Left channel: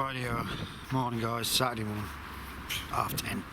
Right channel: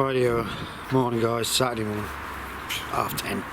Radio morning guys, Saturday morning, 10:30,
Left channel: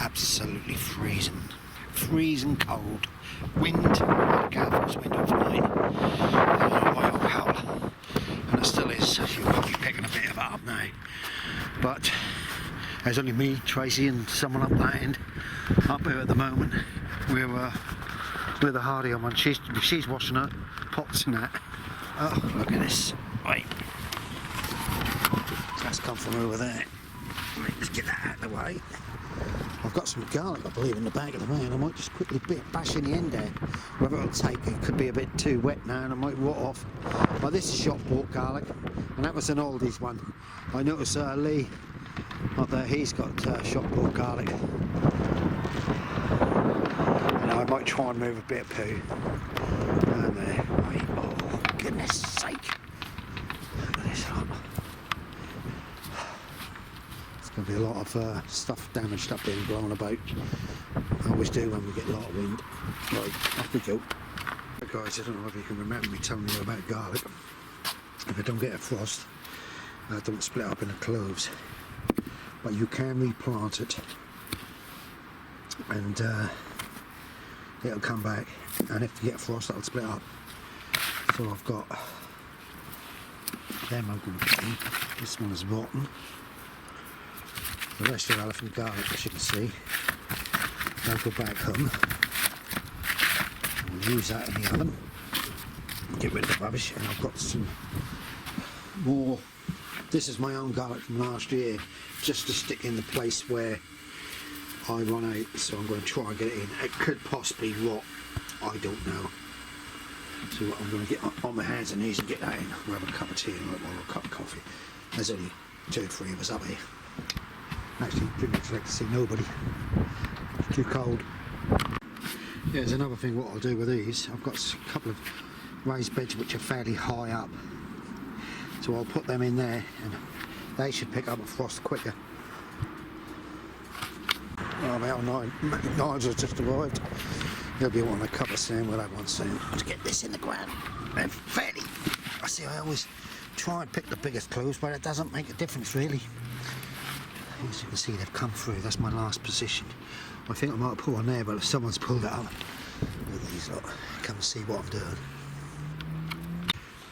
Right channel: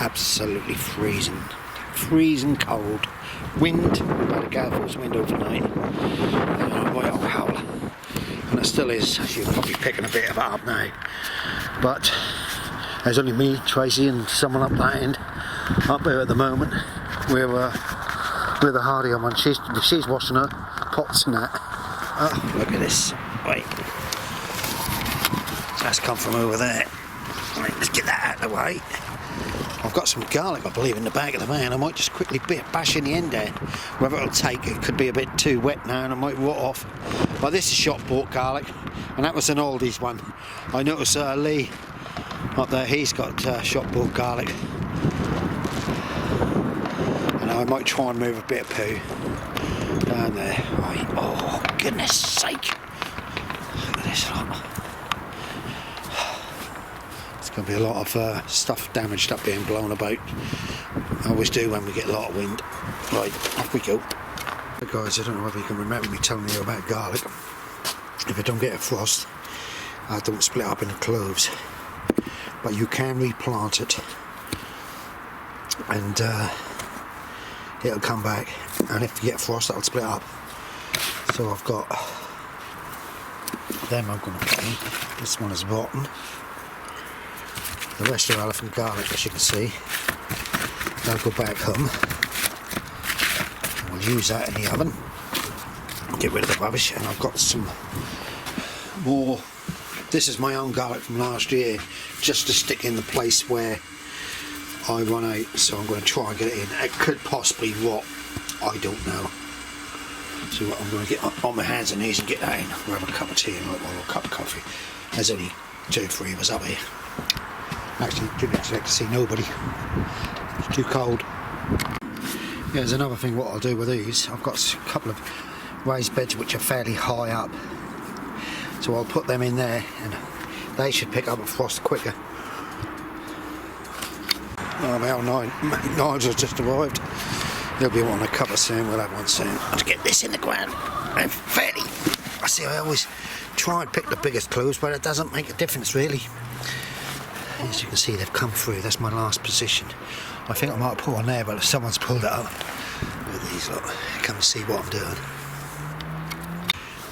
absolutely freezing cold, wind, had a gale force wind overnight, right old howler, and it still is, as you're probably picking a bit of it up now, but there's only me, Tracy and someone up that end, up there at the moment, with the Hardy on, she's washing her pots and that. Oh, look at this, wait. That's come from over there. Right, let's get that out of the way. I've got some garlic, I believe, in the back of the van. I might just quickly bash in the end there. Whether it'll take, it could be a bit too wet now and it might rot off. But this is shop bought garlic, and that was an Aldi's one. I noticed Lee up there, he's got shop bought garlic. And I might try and move a bit of poo down there. Right. Oh, goodness sake. Look at this lot. There's going to be a lot of damaged stuff being blown about. I always do when we get a lot of wind. Right, off we go. But guys, I don't know whether you can remember me telling you about garlic. If I don't get a frost, I don't split up into cloves. But you can replant it, and it'll come back. And if you get frost, that'll split up. So I've got them. I'm going to put in. This one is rotten. The rest are elephant garlic, as you can see. They'll go back home. We'll use that in the oven. Get rid of the rubbish, and I've got some more. This is my own garlic from last year, just to stick in the place where I run out. So I'm going to try and get it in. It could possibly rot. I don't know. So what I'm going to get on my hands and knees and get that in. We'll have a cup of tea and a cup of coffee. There's only 2 or 3 of us up here. Actually, didn't expect to see nobody. It's too cold. Yeah, there's another thing what I'll do with these. I've got a couple of raised beds which are fairly high up. So I'll put them in there and they should pick up a frost quicker. About Nigel's just arrived. He'll be wanting a cup of soon, we'll have one soon. To get this in the ground. And fairly. I always try and pick the biggest clues, but it doesn't make a difference really. As you can see, they've come through. That's my last position. I think I might put one there, but if someone's pulled it up with these, look, come and see what I'm doing.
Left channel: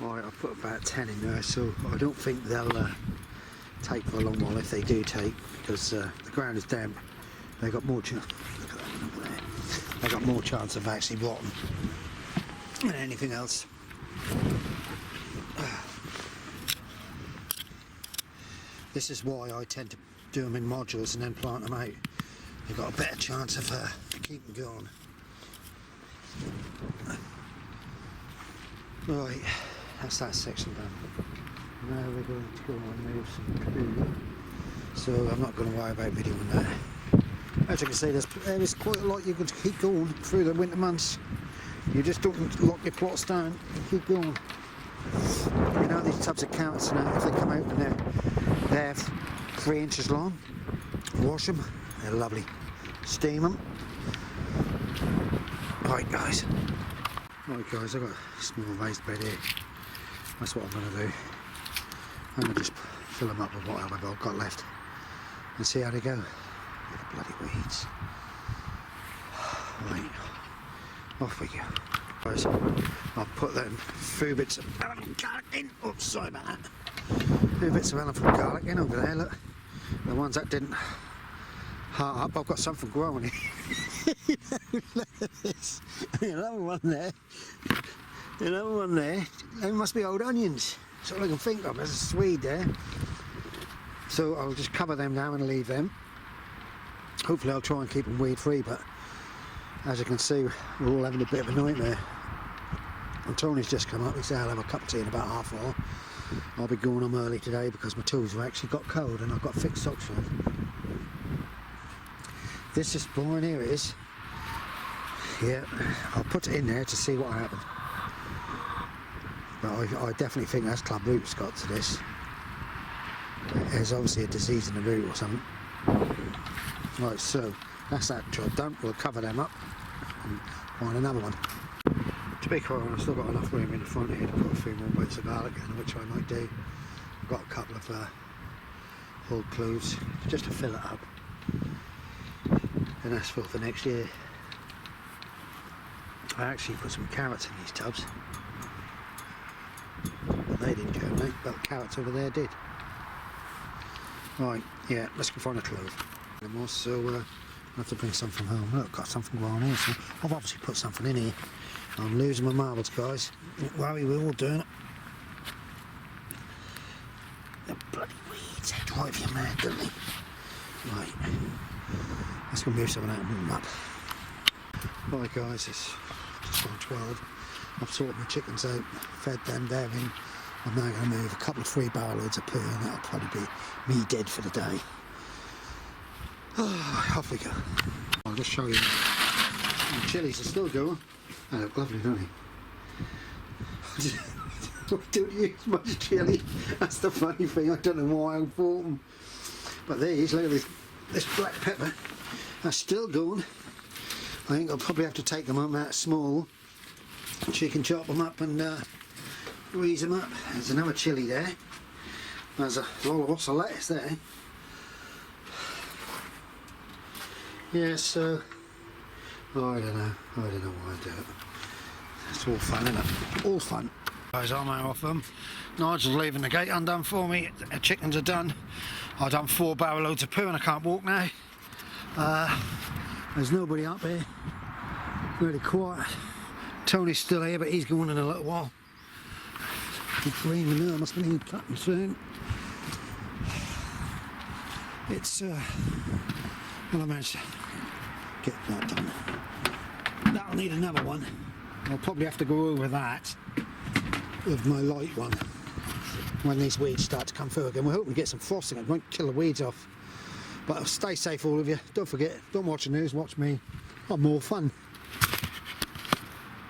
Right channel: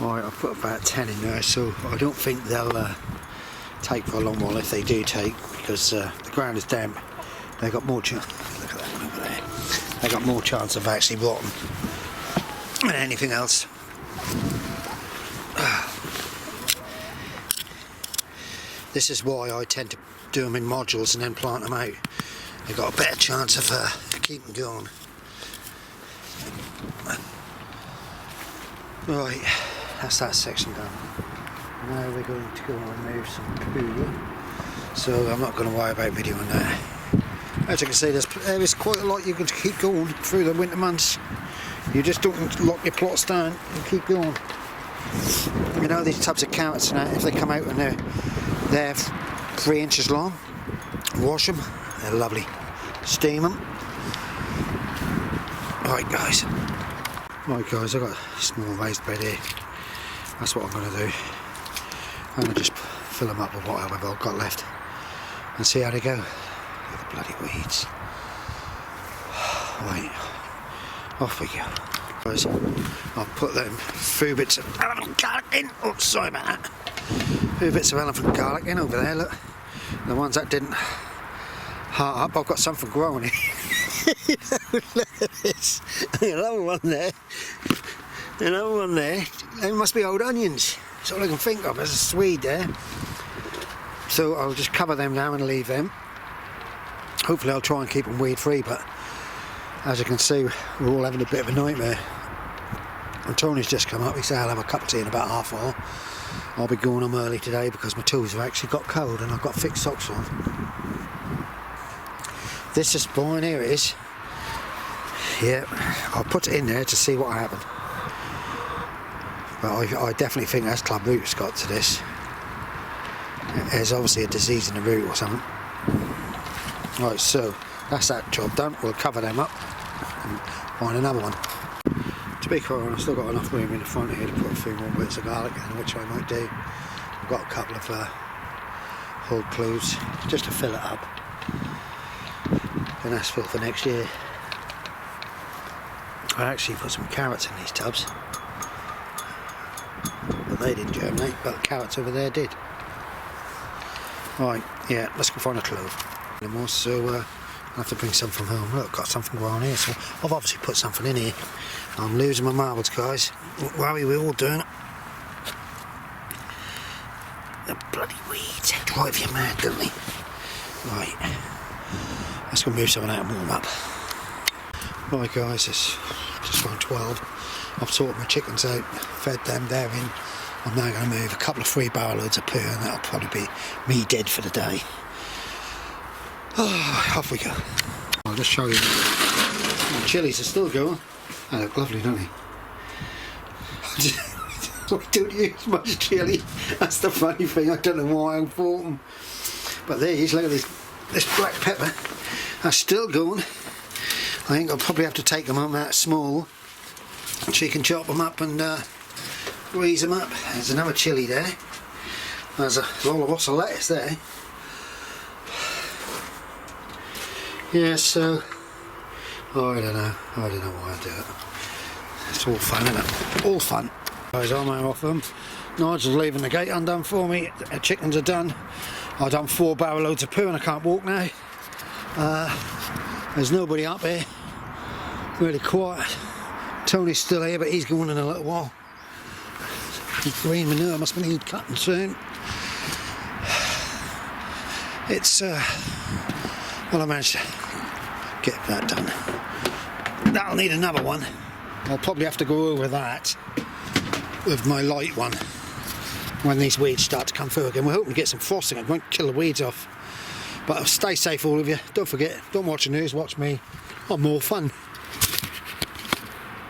Right, I've put about 10 in there, so I don't think they'll take for a long while if they do take, because the ground is damp. They've got more chance. Look at that one over there. They've got more chance of actually rotting than anything else. This is why I tend to do them in modules and then plant them out. They've got a better chance of keeping going. Right, that's that section done. Now we're going to go and move some poo. So I'm not going to worry about videoing that. As you can see, there's quite a lot you can keep going through the winter months. You just don't lock your plots down and keep going. You know, these types of carrots now, if they come out and they're 3 inches long, wash them, they're lovely. Steam them. Right guys, I've got a small raised bed here. That's what I'm going to do. I'm going to just fill them up with whatever I've got left and see how they go. The bloody weeds. Right, off we go. Guys, I'll put them few bits of elephant garlic in. Oh, sorry about that. Few bits of elephant garlic in over there, look. The ones that didn't heart up, I've got something growing here. Look at this. Another one there. Another one there. They must be old onions. That's all I can think of. There's a Swede there. So I'll just cover them now and leave them. Hopefully I'll try and keep them weed free, but as you can see, we're all having a bit of a nightmare. And Tony's just come up. He said I'll have a cup of tea in about half an hour. I'll be going home early today because my toes have actually got cold and I've got thick socks on. This is fine, here it is. Yeah, I'll put it in there to see what happened. But I definitely think that's club root's got to this. There's obviously a disease in the root or something. Right, so that's that job done. We'll cover them up and find another one. To be quite honest, I've still got enough room in the front here to put a few more bits of garlic in, which I might do. I've got a couple of old clothes just to fill it up, and that's for next year. I actually put some carrots in these tubs. They didn't germinate, but carrots over there did. Right, yeah, let's go find a clove. So I'll have to bring some from home. Look, got something growing here, so I've obviously put something in here. I'm losing my marbles, guys. Don't worry, we're all doing it. The bloody weeds drive you mad, don't they? Right, let's go move something out and warm up. Right, guys, it's just around 12. I've sorted my chickens out, fed them, they're in. I'm now going to move a couple of 3 barrel loads of poo, and that'll probably be me dead for the day. Oh, off we go. I'll just show you. The chilies are still going. They look lovely, don't they? I don't use much chilli. That's the funny thing. I don't know why I bought them. But these, look at this black pepper. That's still going. I think I'll probably have to take them on that small, so you can chop them up and grease them up. There's another chilli there. There's a lots of lettuce there. Yeah, so I don't know why I do it. It's all fun, isn't it? All fun. Guys, I'm out off them. Nigel's leaving the gate undone for me. The chickens are done. I've done 4 barrel loads of poo and I can't walk now. There's nobody up here. Really quiet. Tony's still here, but he's going in a little while. The green manure must be need cutting soon. It's well, I managed to get that done. That'll need another one. I'll probably have to go over that with my light one when these weeds start to come through again. We're hoping to get some frosting. It won't kill the weeds off. But stay safe, all of you. Don't forget, don't watch the news, watch me. Got more fun.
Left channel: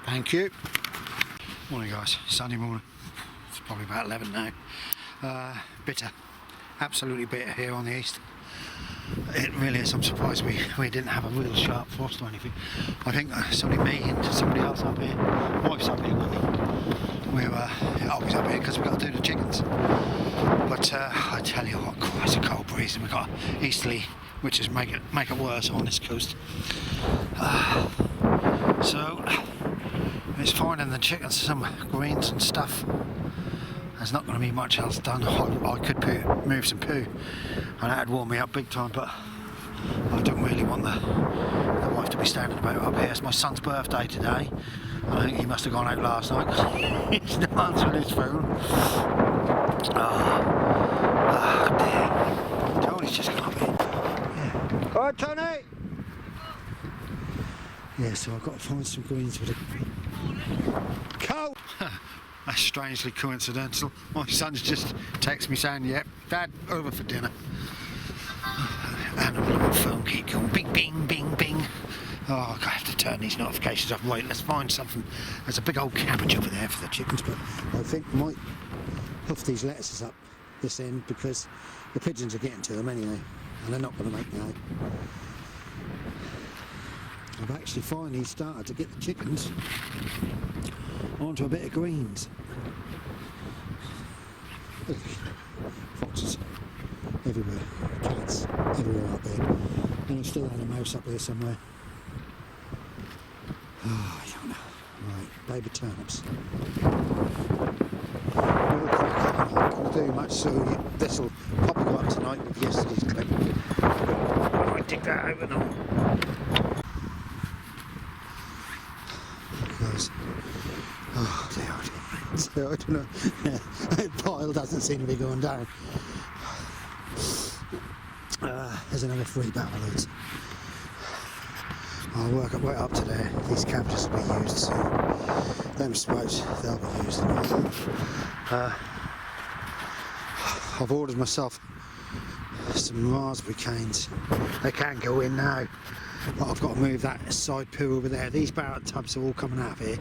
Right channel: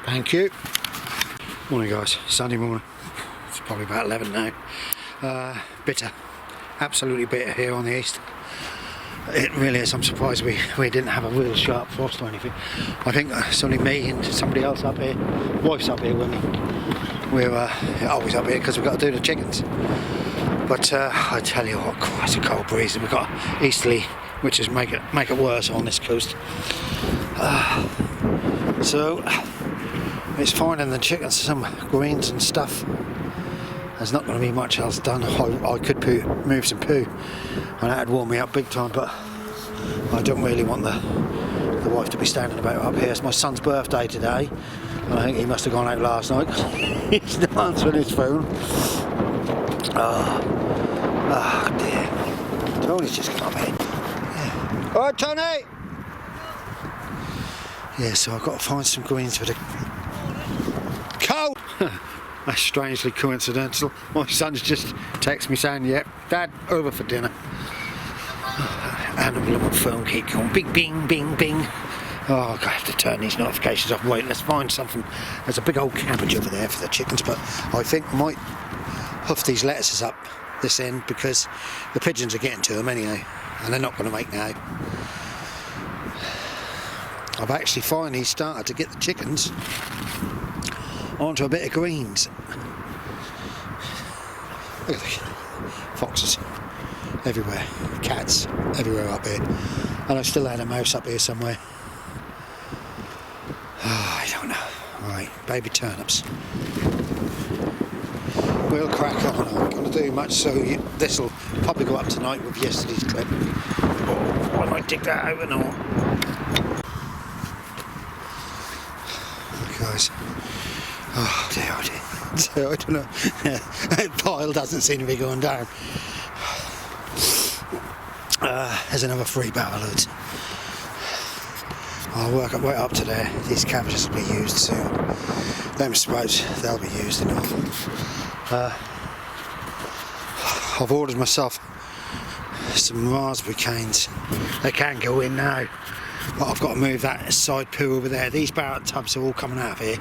Thank you. Morning, guys. Sunday morning. It's probably about 11 now. Bitter. Absolutely bitter here on the east. It really is. I'm surprised we didn't have a real sharp frost or anything. I think it's only me and somebody else up here. Wife's up here with me. We're always up here because we've got to do the chickens. But I tell you what, quite a cold breeze. And we've got easterly, which is make it worse on this coast. So it's finding the chickens some greens and stuff. There's not going to be much else done. I could move some poo, and that'd warm me up big time, but I don't really want the wife to be standing about up here. It's my son's birthday today, and I think he must have gone out last night. He's not answering his phone. Oh dear. Tony's just come up here. All right, Tony! Yeah, so I've got to find some greens for the cold. That's strangely coincidental. My son's just texted me saying, yep, Dad, over for dinner. And the little phone keep going, bing, bing, bing, bing. Oh, I have to turn these notifications off. Wait, let's find something. There's a big old cabbage over there for the chickens, but I think I might huff these lettuces up this end because the pigeons are getting to them anyway, and they're not going to make now. I've actually finally started to get the chickens onto a bit of greens. Look at the foxes everywhere, cats everywhere up here, and I still had a mouse up here somewhere. Oh, I don't know. Right, baby turnips. We'll crack on. I'm not going to do much, so this will probably go up tonight with yesterday's clip. I might dig that out and all. Guys. Oh dear, oh dear. So I don't know. The pile doesn't seem to be going down. There's another 3 barrel loads. I'll work my way up to there. These cabbages will be used soon. Them sprouts, they'll be used enough. I've ordered myself some raspberry canes. They can go in now, but I've got to move that side poo over there. These barrel tubs are all coming out of here.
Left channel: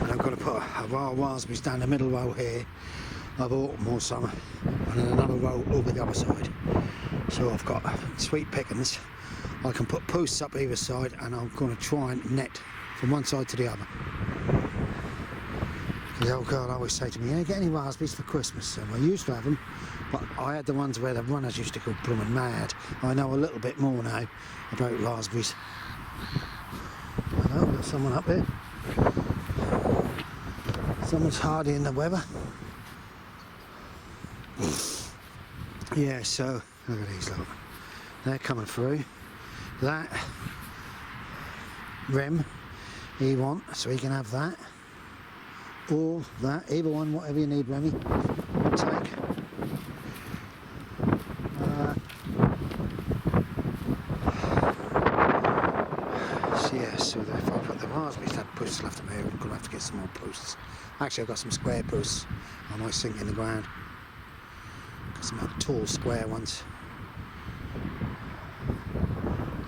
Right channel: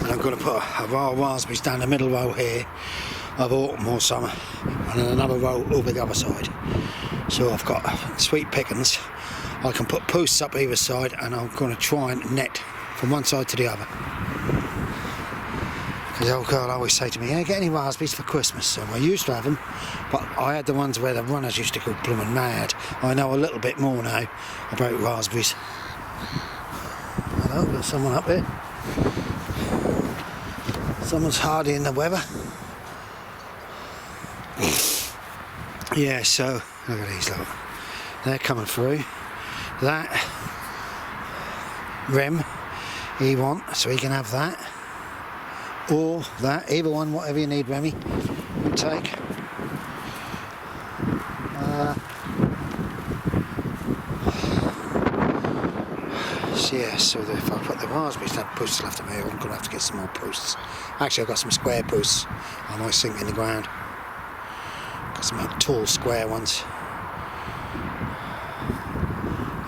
And I'm going to put a row of raspberries down the middle row here of autumn or summer, and then another row over the other side. So I've got sweet pickings. I can put posts up either side, and I'm going to try and net from one side to the other. His old girl always say to me, "Yeah, get any raspberries for Christmas?" So I used to have them, but I had the ones where the runners used to go blooming mad. I know a little bit more now about raspberries. Oh, there's someone up there. Someone's hardly in the weather. Yeah, so look at these lot. They're coming through. That Rem he want, so he can have that. Or that, either one, whatever you need, Remy, we'll take. So yeah, so if I put the raspberries, that posts left of here, I'm going to have to get some more posts. Actually, I've got some square posts I might sink in the ground. Got some tall square ones.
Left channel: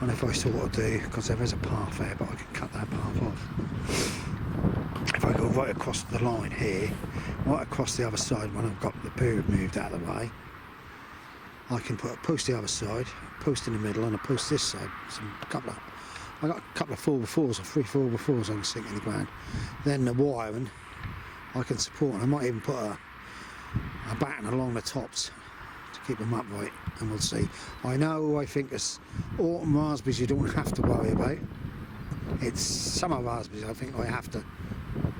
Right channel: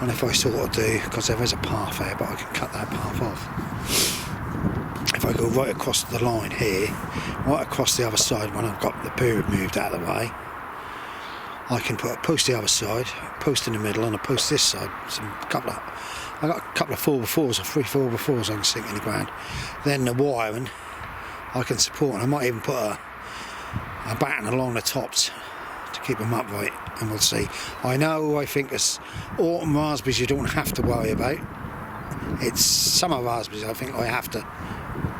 And if I sort of do, because there is a path there, but I can cut that path off. If I go right across the line here, right across the other side when I've got the poo moved out of the way, I can put a post the other side, a post in the middle and a post this side. I've got a couple of 4x4s or 3 4x4s I can sink in the ground. Then the wiring I can support, and I might even put a batten along the tops to keep them upright, and we'll see. I think there's autumn raspberries you don't have to worry about. It's summer raspberries I think I have to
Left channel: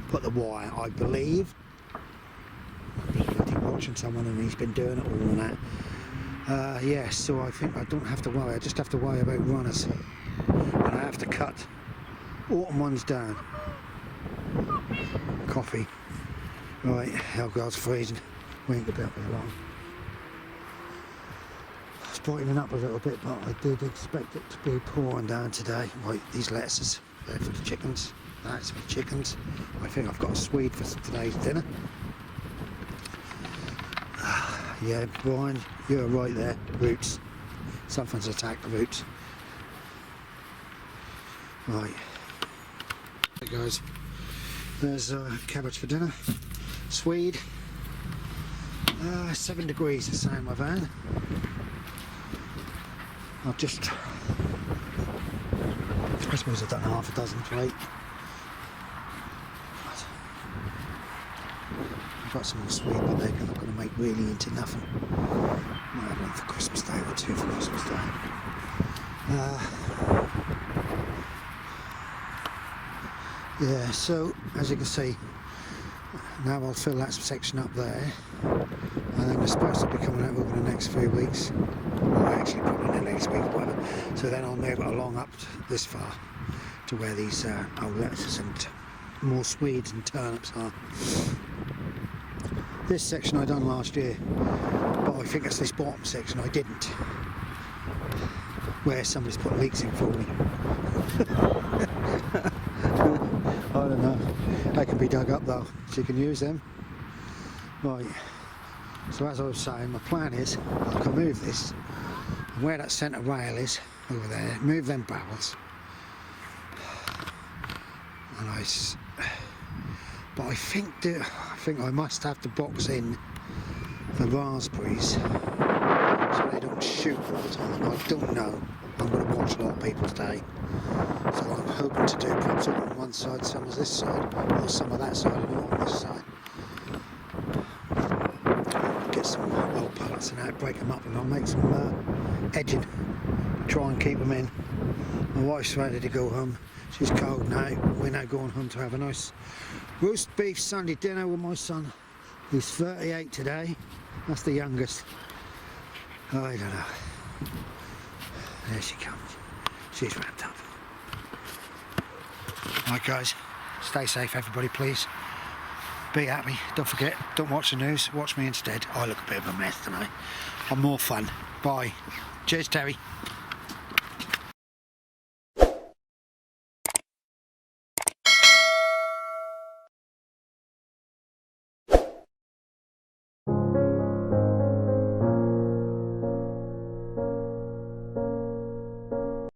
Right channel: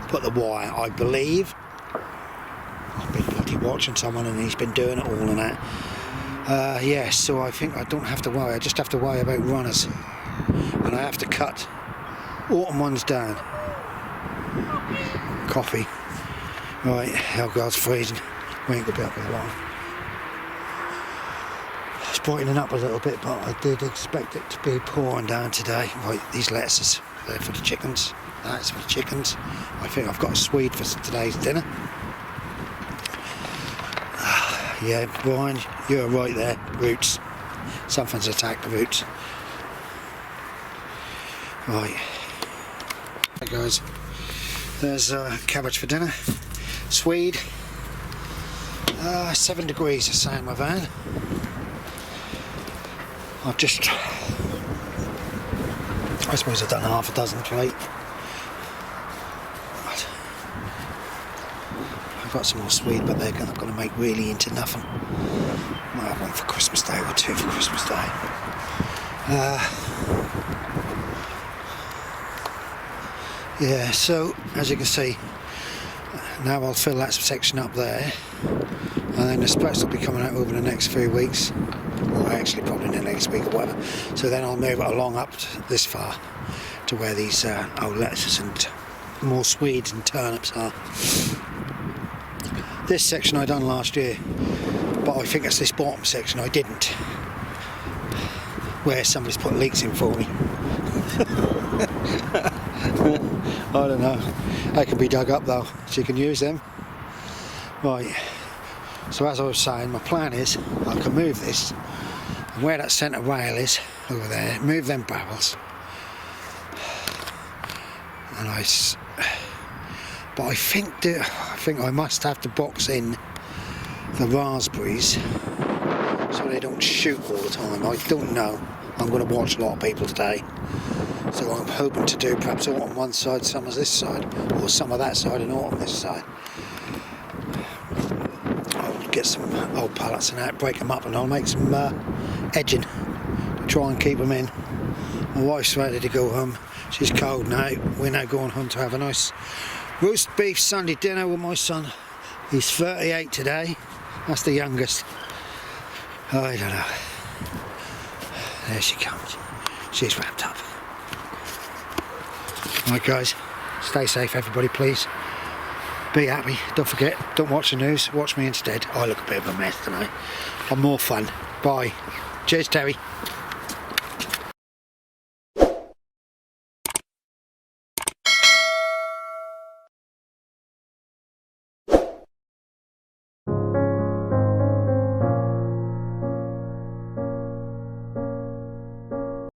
put the wire, I believe. I've been bloody watching someone and he's been doing it all and that. Yeah, so I think I don't have to worry, I just have to worry about runners. And I have to cut autumn ones down. Coffee. Right, oh God's freezing. We ain't going to be up here long. It's brightening up a little bit, but I did expect it to be pouring down today. Right, these lettuces, they're for the chickens. That's for the chickens. I think I've got a Swede for today's dinner. Yeah, Brian, you're right there. Roots. Something's attacked the roots. Right. Hey guys, there's cabbage for dinner. Swede. 7 degrees I say in my van. I suppose I've done half a dozen plate. I've got some more Swede, but they're not going to make really into nothing. Might have one for Christmas Day or 2 for Christmas Day. Yeah, so as you can see, now I'll fill that section up there, and then the sprouts will be coming out over the next few weeks, or actually probably the next week or whatever. So then I'll move it along up this far to where these old lettuces and more Swedes and turnips are. This section I done last year, but I think it's this bottom section I didn't, where somebody's put leeks in for me. I don't know. They can be dug up though, so you can use them. Right. So as I was saying, my plan is I can move this, and where that centre rail is over there, move them barrels. And but I think I must have to box in the raspberries so they don't shoot all the time. I don't know. I'm going to watch a lot of people today. So I'm hoping to do perhaps autumn one side, summer this side, or some of that side and autumn this side. I'll get some old pallets and that, break them up, and I'll make some edging to try and keep them in. My wife's ready to go home. She's cold now. We're now going home to have a nice roast beef Sunday dinner with my son. He's 38 today. That's the youngest. I don't know. There she comes. She's wrapped up. Right guys, stay safe everybody please. Be happy, don't forget, don't watch the news, watch me instead. I look a bit of a mess tonight. I'm more fun. Bye. Cheers Terry.